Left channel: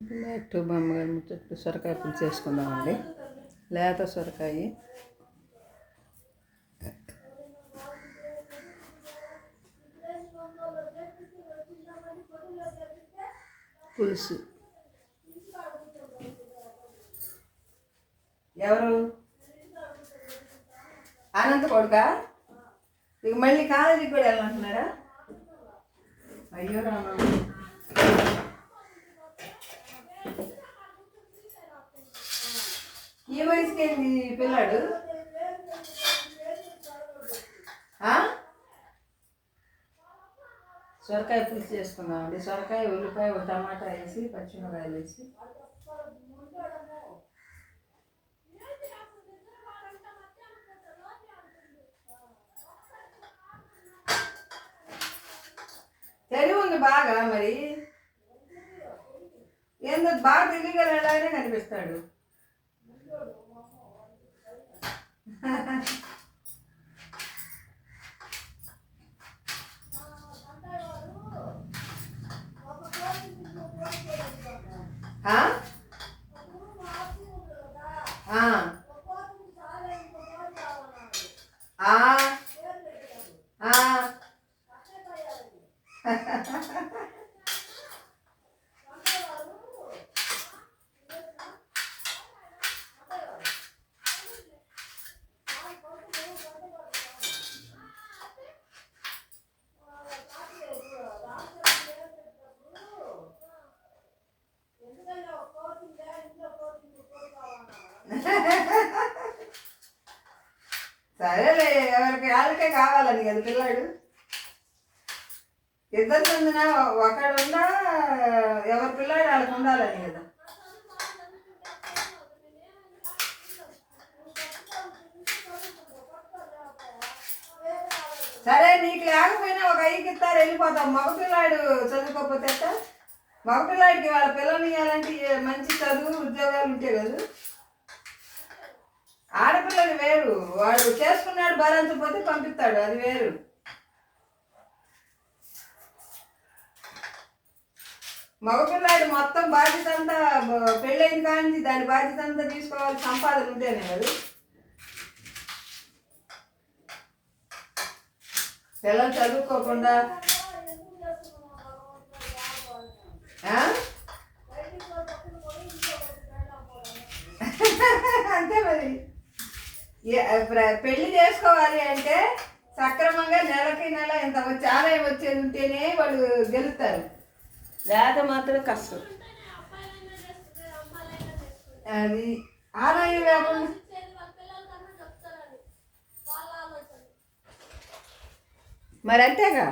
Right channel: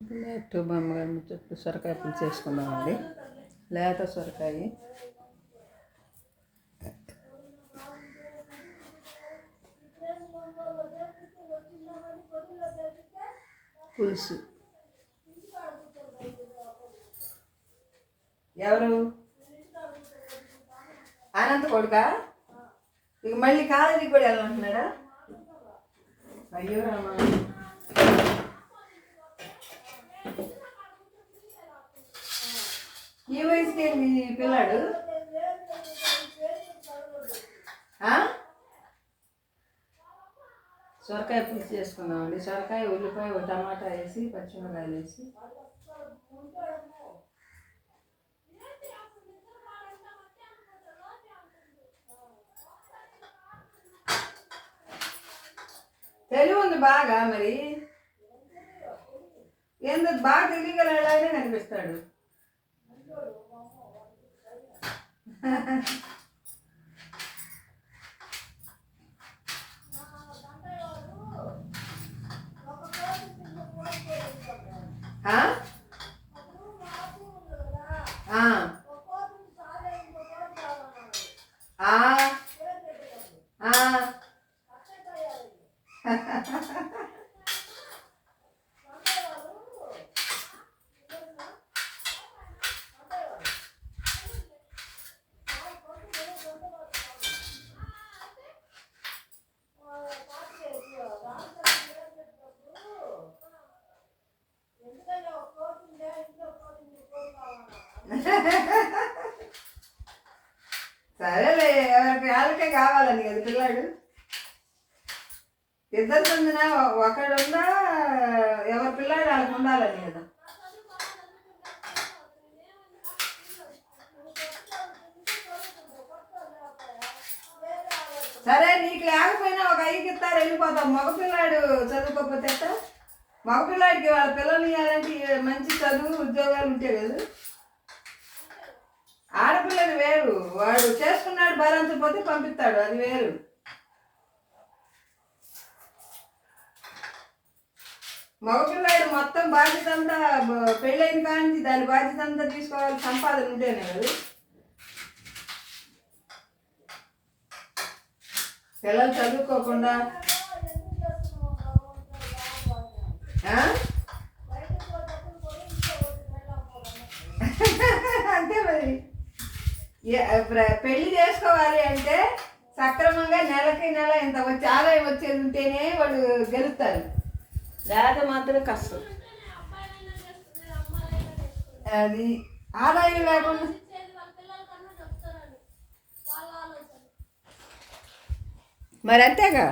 Late బామ్మగారు ముచ్చట్లు సొరకాయ పులుసు చేసుకుందామండి. లేత సొరకాయ పులుసు. ఎవరు అనంత కొడుక? ఇక మళ్ళీ కాలేజీకి కూడా వెళ్ళాలంటున్నాడా? అయ్యో రామా, ఈ వయసుకి ఏంది పిల్లాడు? సొరకాయ పులుసు చేసుకుందామండి. సొరకాయ, ఉల్లిపాయ, ఒక టమాటా వేసి, పచ్చిమిరకాయలు వేసి. తెలివి ఉంది బాగా, మరి ఏందో బాగా తెలియగలనే కనిపిస్తాడు. సరేలే, ఎవరికి వాళ్ళకే కావాలని కదా పిల్లాడు. ఇద్దరు చెందిన ఒకడు ఉండా, ఎవరి పిల్లాడు వాళ్ళకి ఉండాలని కదా. సరే, నీకు లేకపోయినా ఒక ఐదుకి ఇస్తారు, వెళ్ళిపోతాం. మగపిల్లాడు చదువుకోకపోతే మగపిల్లాడికి వాళ్ళ పిల్లలు ఇవ్వాలంటే మంచి చదువు, ఉద్యోగాలు ఉంటే కదా. ఆడపిల్లలు వేరు, వాడు చేసుకున్నాడు భరించకపోతే పంపిస్తాడు, అది వేరు. మగపిల్లాడు మొత్తం బాధ్యత అంతా పెళ్ళైన కానీ దాని బాధ్యత అంతా తీసుకోవాలి, సంపాదన ఉంటేనే కదా. పిల్లలు చదువుకోకుండా అంతే మరి. పెళ్లి చేసుకోవాలి అంటే సక్రమంగా నెలకి నెల ఎంత వచ్చి ఆదాయం వచ్చేది ఉంటేనే వాళ్ళు గెలుస్తారు, లేకపోతే మాత్రం కష్టం. అది ఆదాయం లేకుండా మరి అంతేగా.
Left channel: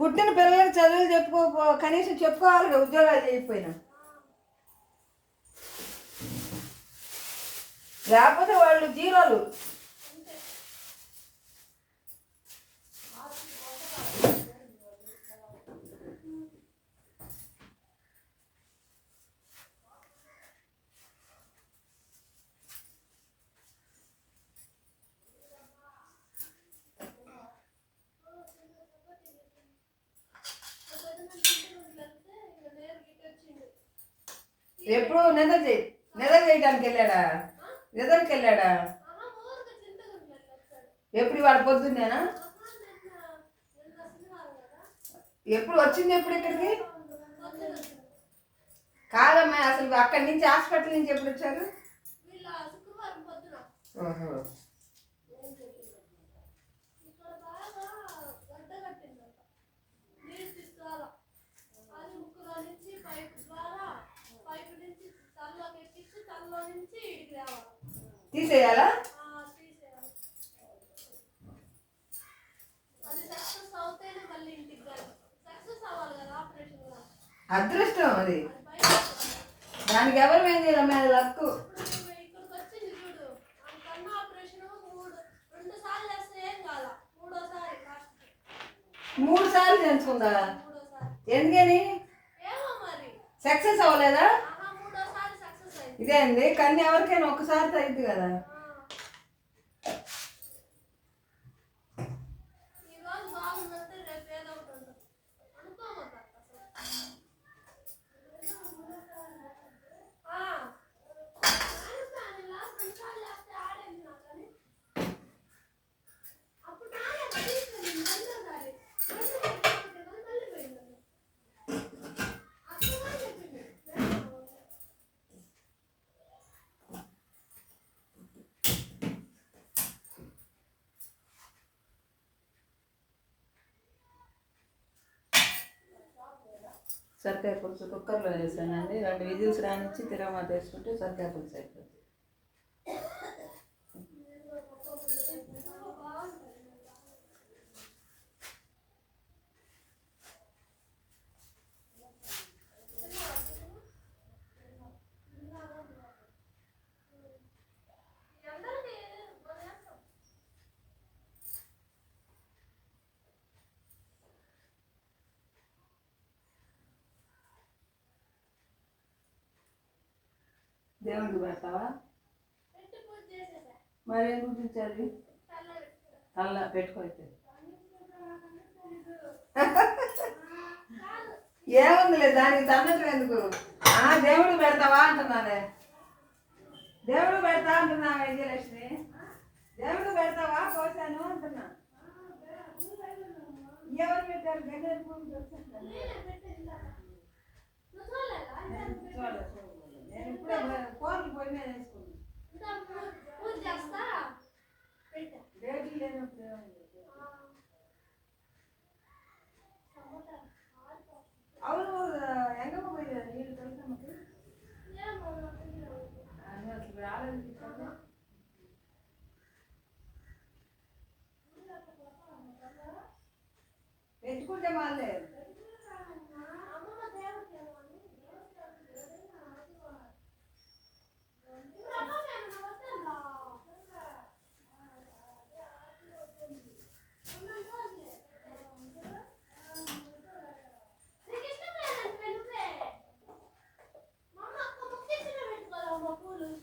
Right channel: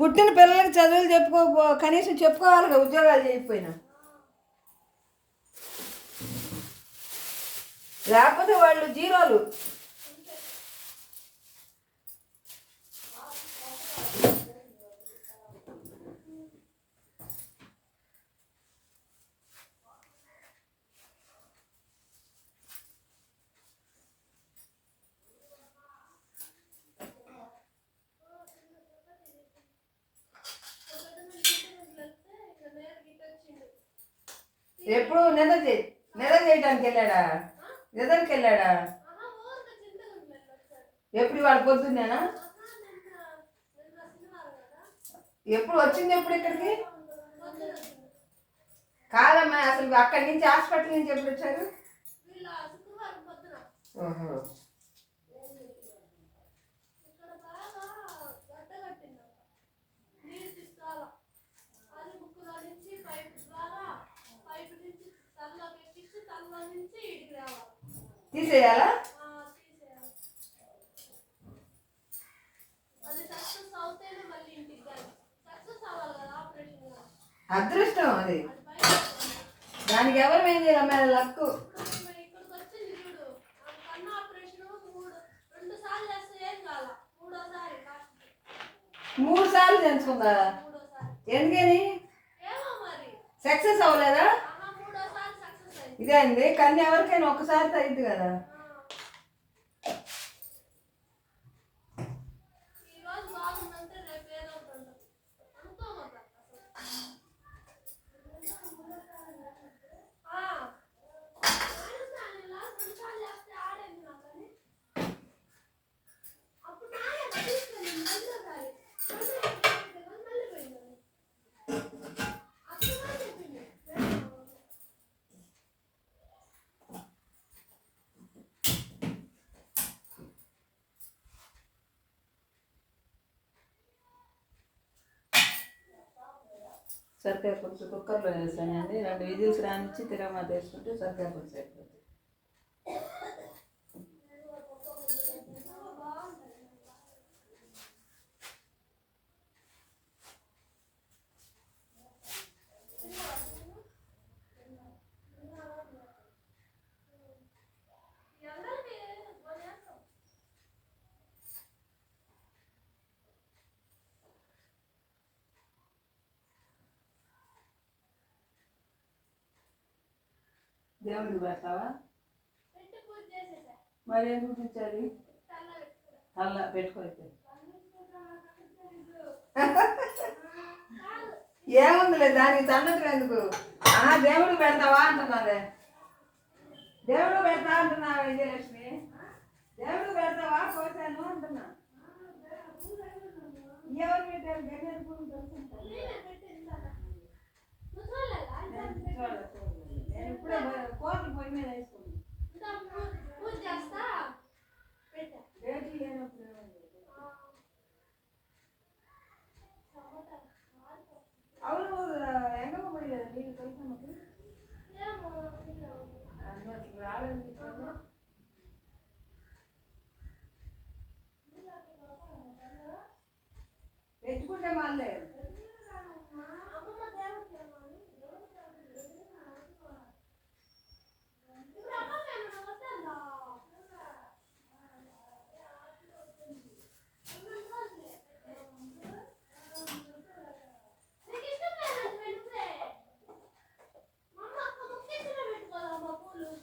పుట్టిన పిల్లలకి చదువులు కనీసం చెప్పుకోవాలిగా, ఉద్యోగాలు చేయకపోయినా. లేకపోతే వాళ్ళు జీరోలు. ఎప్పుడు నిద్ర చేయడానికి వెళ్ళాడా? నిద్రకి వెళ్ళాడా? ఎప్పుడు వాడు పొద్దున్నేనా? ఎప్పుడు వచ్చింది? ఎప్పుడు ఇక్కడికి? కాదమ్మా, అసలు అక్కడి నుంచి హాస్పిటల్ నుంచి ఎప్పుడు వచ్చారు? ఓహో, తీసేయాలా? అదృష్టం అది, దానికి ఎవరు ఏం చేయాలమ్మా, లక్కు. 3 సార్లు చేయించుకుందా? ఎందుకని? సక్సెస్ అవ్వలేదా? ఇదే అండి, కన్ను ఎవరికైనా ఒక్కసారి అయింది కదా. సరికాయ పులుసు కుక్కర్లో వేసానండి. 2 విజిల్స్ రానిచ్చి తిరగమాత వేసుకుంటే సరికాయ పులుసు అయిపోతుంది. దేవుడికి పెడతావా? మరి ఏం గుర్తించాలి? అలా పెట్టుకోవచ్చు. ఏముందిలే దానికి తన్నట్లు ఎందుకు? దేవుడు పెడతావా అంటున్నాదే. దేవుడు పెడతా అంటున్నా విజయలక్ష్మి. దేవుడు పెడతావా పోసాను అంటున్నా. ఎవరు పెట్టారు? గడ్డలు పూలు ఇప్పుడే కోర్లు పొయ్యి మీద వేసుకున్నాను. రేట్లు లేనప్పుడు అవును ఎంగమ్మ పోయలేదు నీళ్ళు తెలుసమ్మకి అసలు రావాలనిపించింది. పెట్టుకుంటే వాళ్ళే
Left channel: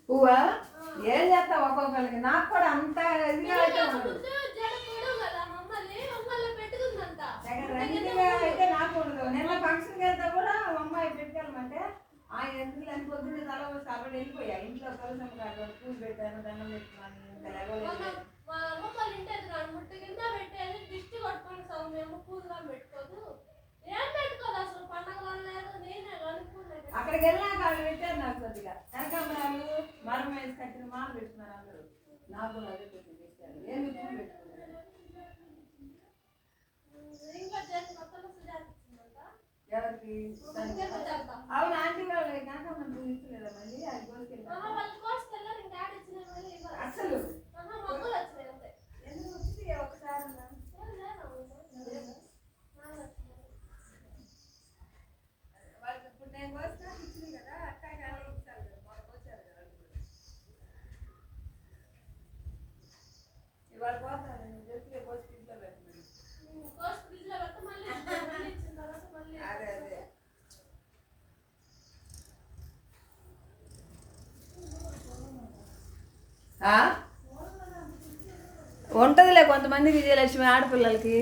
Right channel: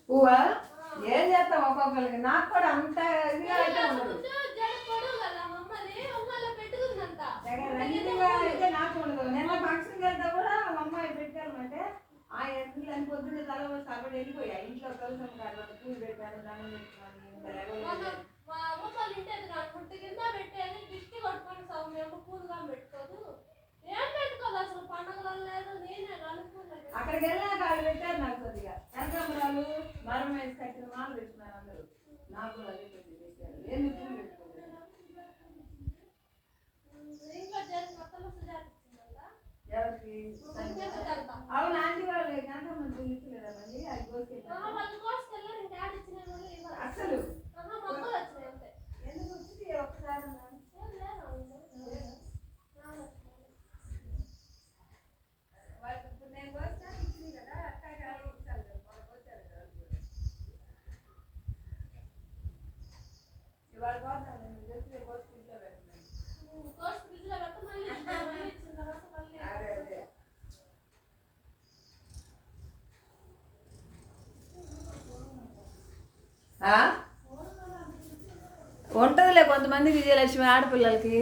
పువ్వా ఏం చేస్తాం ఒక్కొక్కరికి. నాకు కూడా అంత ఇదిగా అయితే ఉండదు. రంగిగా అయితే నాకు ఉండదు. నిన్న ఫంక్షన్కి వెళ్తా కూడా మా అమ్మాయి పెట్టుకెళ్ళమంటే ఆ ఎందుకు అని పొద్దున్న తల కాబట్టి వెళ్ళిపోయా. ఇంట్లో కలిసి పూలు పెట్టాను, దండం పెట్టుకున్నాను. ఇంకా లేవలేదు. అక్కడికి వెళ్ళినాక వాళ్ళు పెట్టారు నాకు కొద్దిగా కనకాంబరాలు మరం వేసి కట్టిన మాలు పెట్టుకున్నారు అందరూ. నాకు కూడా అదే కొద్దిగా పెట్టారు. ఏమి పెట్టుకోలేదు. ఎవరికి అవును ఆంటీ వాళ్ళు కనకాంబరం పూలు ఇచ్చలేదా మళ్ళీ అది కోసుకెళ్ళారు అసలు ఎందుకు వచ్చింది ఒకసారి నేను కోస్తా ఇచ్చింది కదా అక్క ఇస్తారు కదా మాకు వచ్చారు కదా ఇవాళ కోస్తాను నేను చెప్పి కోసి ఇంట్లో పెట్టినాను. అదే అదే ఉంటుందిలే కొంతమంది విజయలక్ష్మి ఆడపిల్లలకి.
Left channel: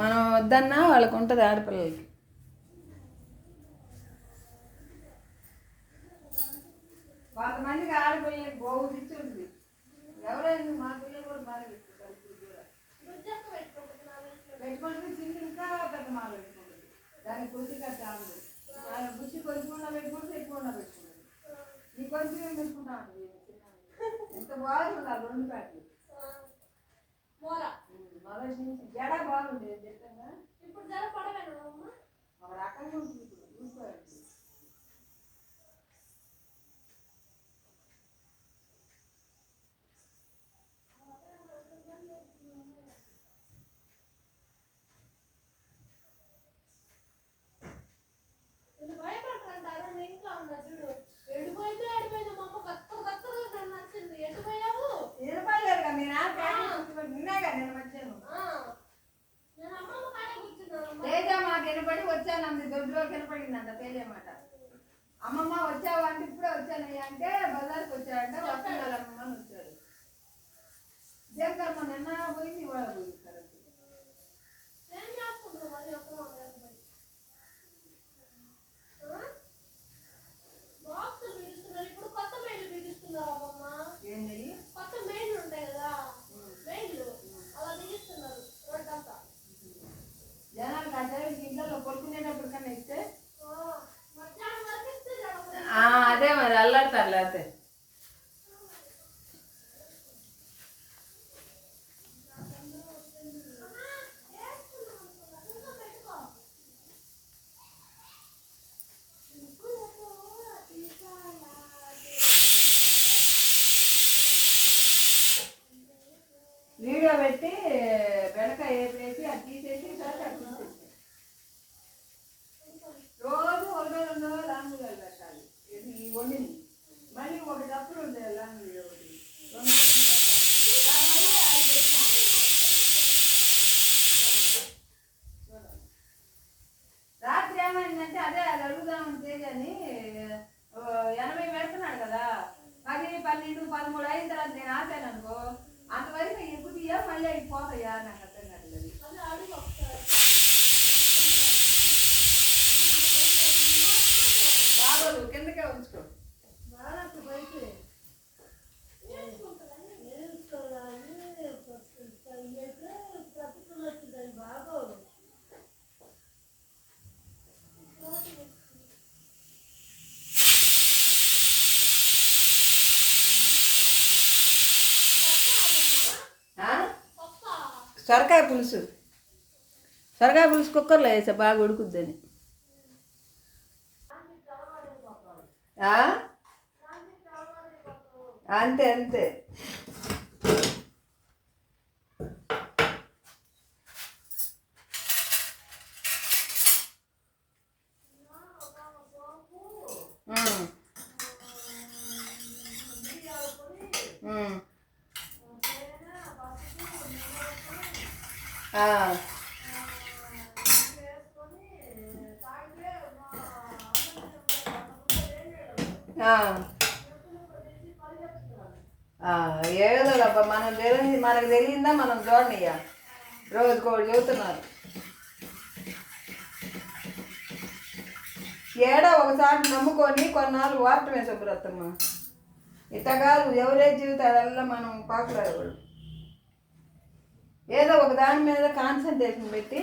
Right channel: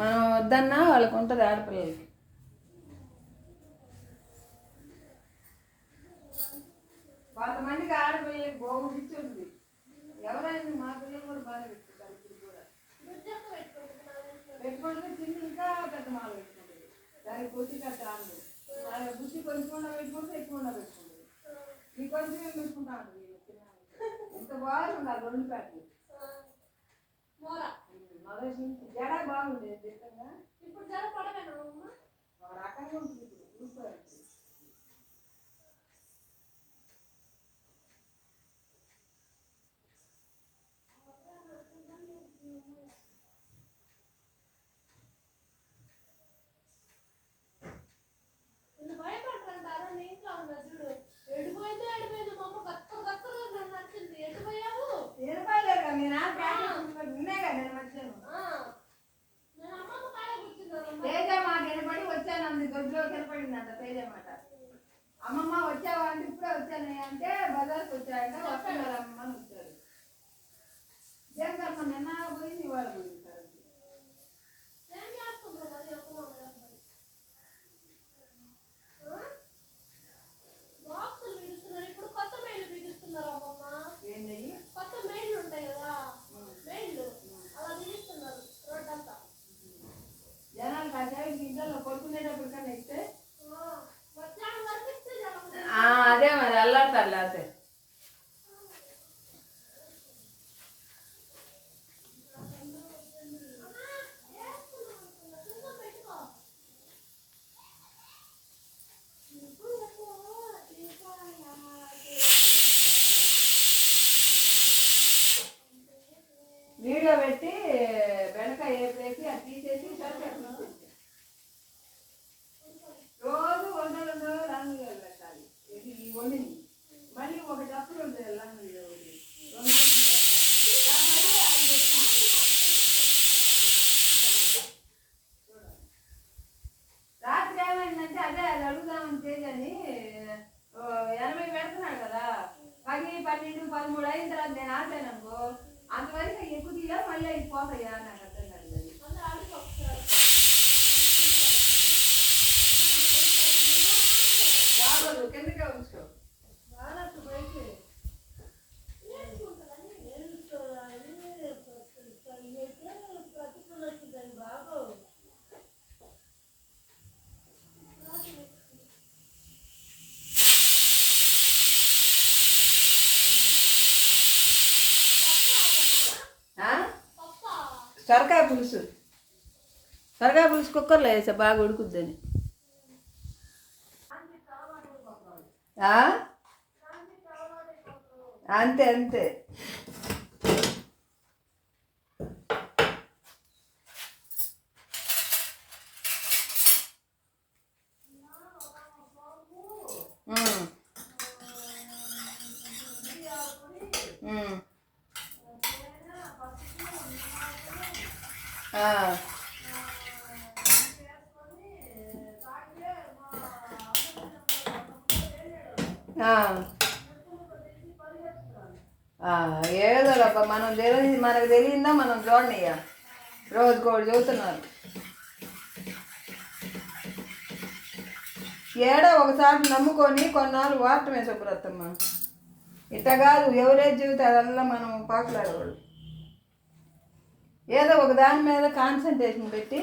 మనం వద్దన్నా వాళ్ళకి ఉంటుంది ఆడపిల్లలకి. కొంతమందికి ఆడపిల్లలకి బాగు ఇచ్చి ఉంటుంది. ఎవరైనా మా పిల్లలు కూడా బాగా పెట్టుకుంటారు. పెట్టుకుంటే చిన్న ఇంకా పెద్ద మాల పెట్టుకుంటుంది. దానికి బుద్ధి కట్ట ఆడదు. దాని బుద్ధి కొంచెం పెట్టుకుంటే ఎక్కువ పెట్టుకుంటుంది. ఈ కొంచెం ఏం పెట్టుకుంటా ఉంటుంది. ఎంత బాగుండాలి 2 ప్యాట్లు మొదటి నుంచి జడ బాగుండేది చెప్పంగా. ఇప్పుడు జడ పడవేనా ఒక రకంగా ఉంటుంది. చూసుకోవాలి తేజ మాట వినపడి వచ్చాను అంది. దొడ్లోకి వినపడిందంట తేజ మాట. అమ్మమ్మ వచ్చావా అంటే ఇప్పుడే వచ్చానయ్యా అంటే బజార్కి వచ్చారంట. వస్తున్నారు అమ్మమ్మ అని వచ్చారు. జగమ్మ నిన్న పోయింది ఇవాళ పోయింది. జనానికి ఆ సైడ్కి ఇంట్లో కొట్టుకునేటప్పుడు కన్నా ఇస్తే అదే మరి అల్లాడతారు. లేకపోతే చాలు కిందకే ఉంచుకో. సొరకాయ పులుసు కుక్కర్లో వేసా బాగా ఉడుకుద్దని. అంతే అంతే. ఏదోలబ్బా మనకు తెలియందా మనం చూడనియ్యా. రోజుకోటి చదువుతున్నారు. ఏడో ఒకసారి నమ్ముకొని కొన్నాళ్ళు వాడటమే శుభ్రతమ్మ. ఇట్లా కాదు ఎవరేజ్ జీవితాలల్లా మనం పాకులాడకూడదు. ఏదో ఒక దాని మీద కాన్సన్ట్రేషన్ పెట్టి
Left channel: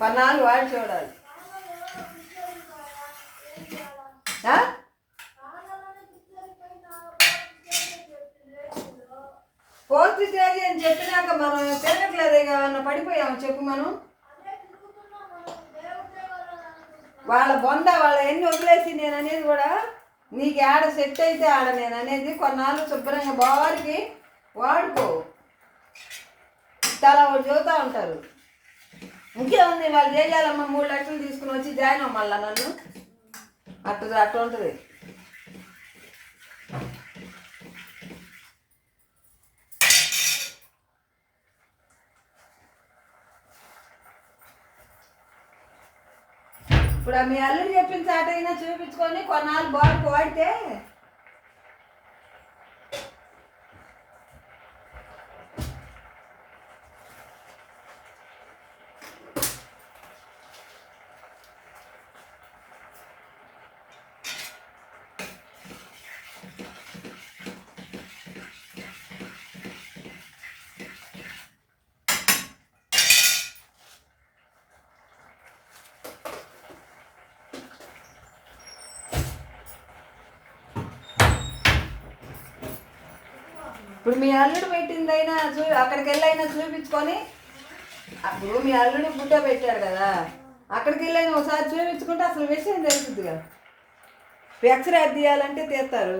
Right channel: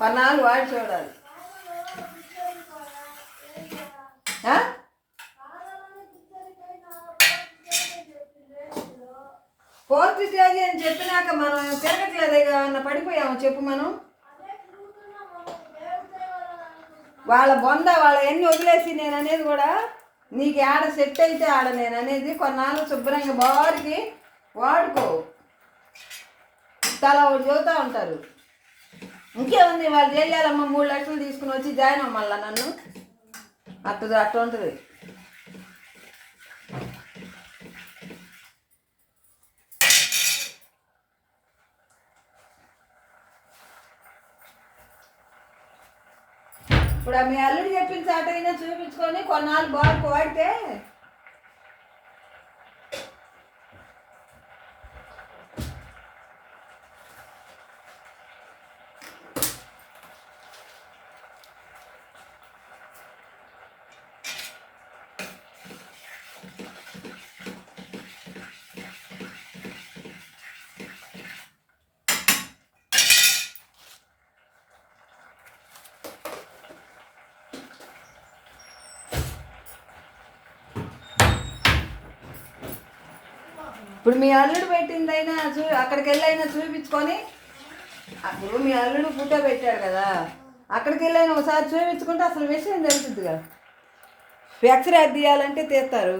కొన్నాళ్ళు వాడి చూడాలి. ఫోర్త్ స్టేజ్ అని చెప్పినాక మనం తిరగట్లేదు అన్న పడిపోయాము చెప్పు. మనం వాళ్ళ బొంద వాళ్ళ ఎన్ని వదిలేసి నేను అనేది కూడా నీకు ఆడ సెట్ అయితే ఆడ నేను అనేది కొన్నాళ్ళు శుభ్రంగా బారికి వాడుకో. తల చదువుతూ ఉంటారు. ఇంకేముంది వాళ్ళు చేయాలమ్మా 3 లక్షలు తీసుకుని వచ్చి జాయిన్ అవ్వాలా నన్ను అట్లా ఉంటుంది. ఇప్పుడు మీ అల్లుడు చెప్పిన చాట అయినా చూపించుకొని కొన్నాళ్ళు బాగా వాడితే ఇప్పుడు మీ అల్లుడు పెట్టిందైనా అక్కడికి వెళ్ళైనా చూపించుకొని. అప్పుడు మీ అల్లుడు ఫోటో పెట్టాడు కదా, అక్కడికి వెళ్ళైనా ఒకసారి చూపించుకుంటే అసలు విషయం తెలుస్తుంది కదా. ఎక్స్రే తీయాలంటే తీస్తారు.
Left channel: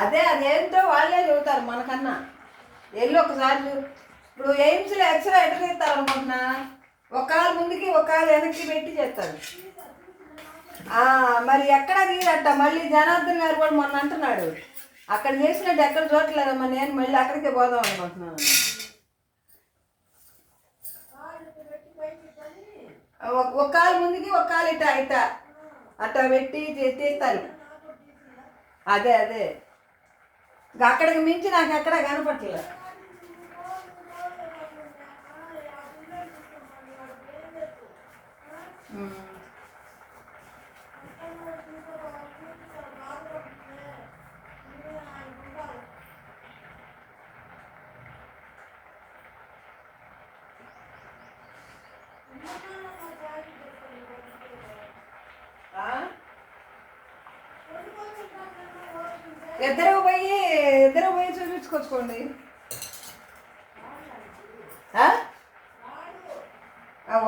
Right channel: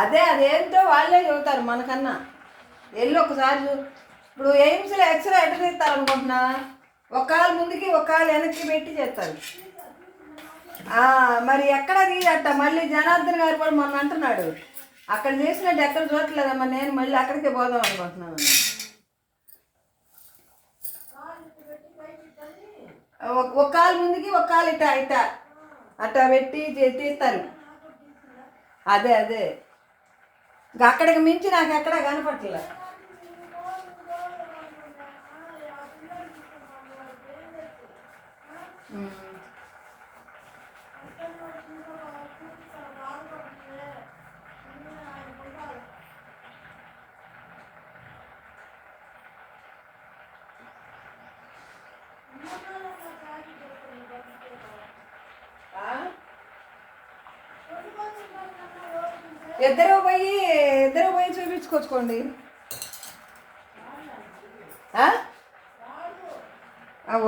అదేంటో వాళ్ళే చెబుతారు మనకన్నా. వెళ్ళి ఒకసారి ఇప్పుడు ఎయిమ్స్లో ఎక్స్రే ఎట్లా తీస్తారు అనుకుంటున్నా, ఒక కాలు ముందుకి ఒక కాలు వెనక్కి పెట్టి చేస్తారు. మరి ఎక్కడ తీరట. మళ్ళీ జనార్దన్ గారు కూడా మొన్న అంటున్నాడు అక్కడ చేసినట్టు ఎక్కడ చూడట్లేదమ్మా, నేను మళ్ళీ అక్కడికే పోదాం అనుకుంటున్నాను. ఒక కాలు ముందుకి ఒక కాలు ఇట్టా అట్టా పెట్టి తీస్తారు. అదే అక్కడికి మించి నాకు ఎక్కడా కనపట్లేదు. ఇద్దరు పోయి చూపించుకొచ్చుకోండి.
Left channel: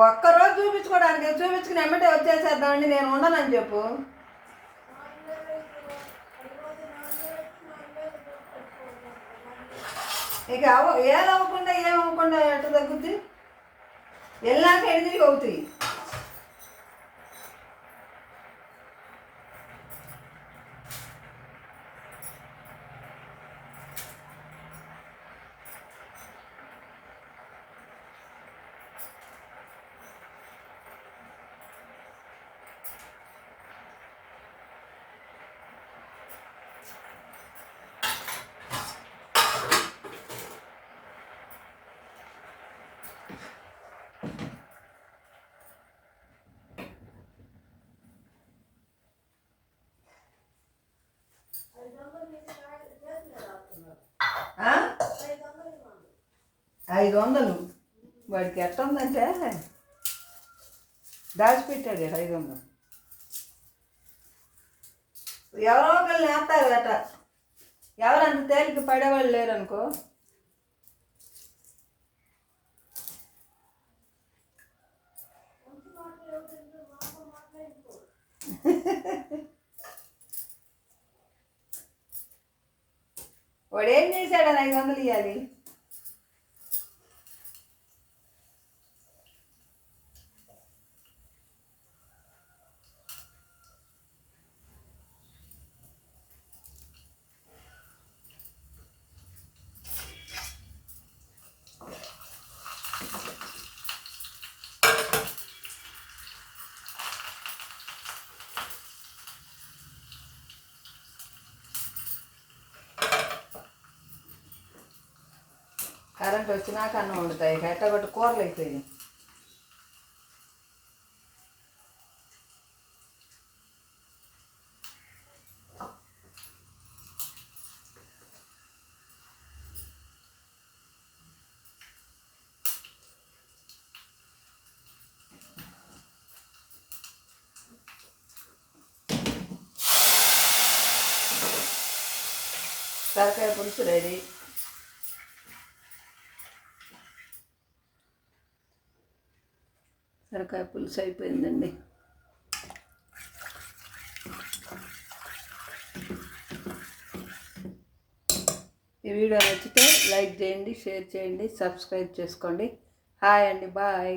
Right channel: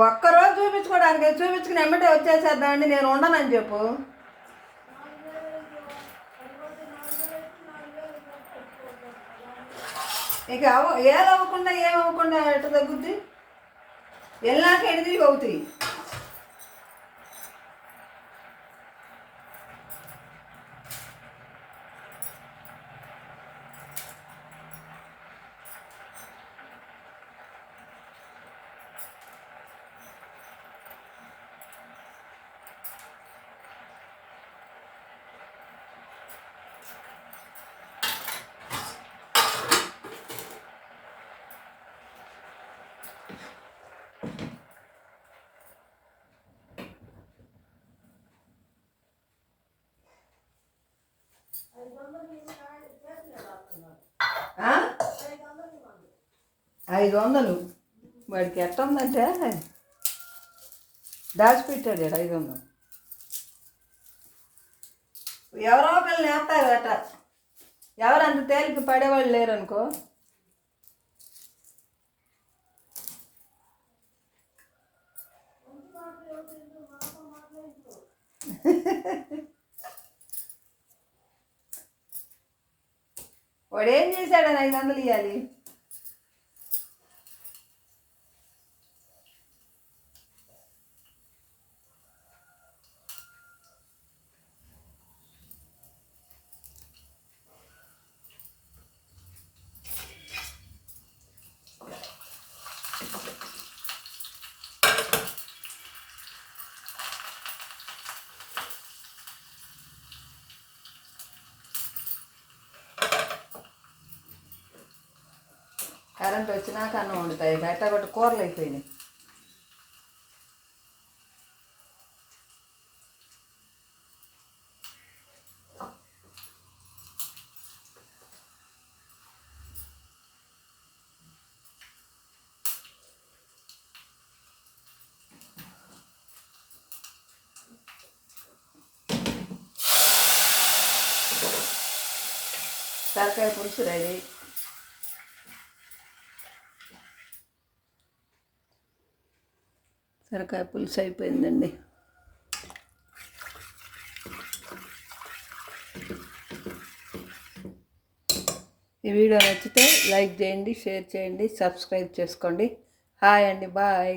ఒక్కరోజు చూపించుకోవడానికి చూపించుకుని ఎమ్మటే వచ్చేసేద్దామండి, నేను ఉండనని చెప్పు. ఇక ఏమవ్వకుండా ఎట్ట తగ్గుద్ది. వెళ్ళాక ఎడిది అవుతాయి. 500 వాడికి ఎట్లా ఉందంటే దాచిపెట్టాడు 500. ఎవరో ఒకళ్ళు నేస్తారు అట. ఎవరంత తేలిక పడేవాళ్ళు లేరనుకో. వాడు ఏం చేశాడని 500 ఇవ్వాలి? కరెంట్ వచ్చినాక అన్నం వండుతాయి. కట్టబట్టి కూరలు అయిపోయినాయి. తలకాయ పులుసు రెడీ. సొరకాయ పులుసు అయిపోయిందండి. ఈ వీడియో నచ్చితే లైక్ చేయండి, షేర్ చేయండి, సబ్స్క్రైబ్ చేసుకోండి. హాయ్ అండి, బాయ్.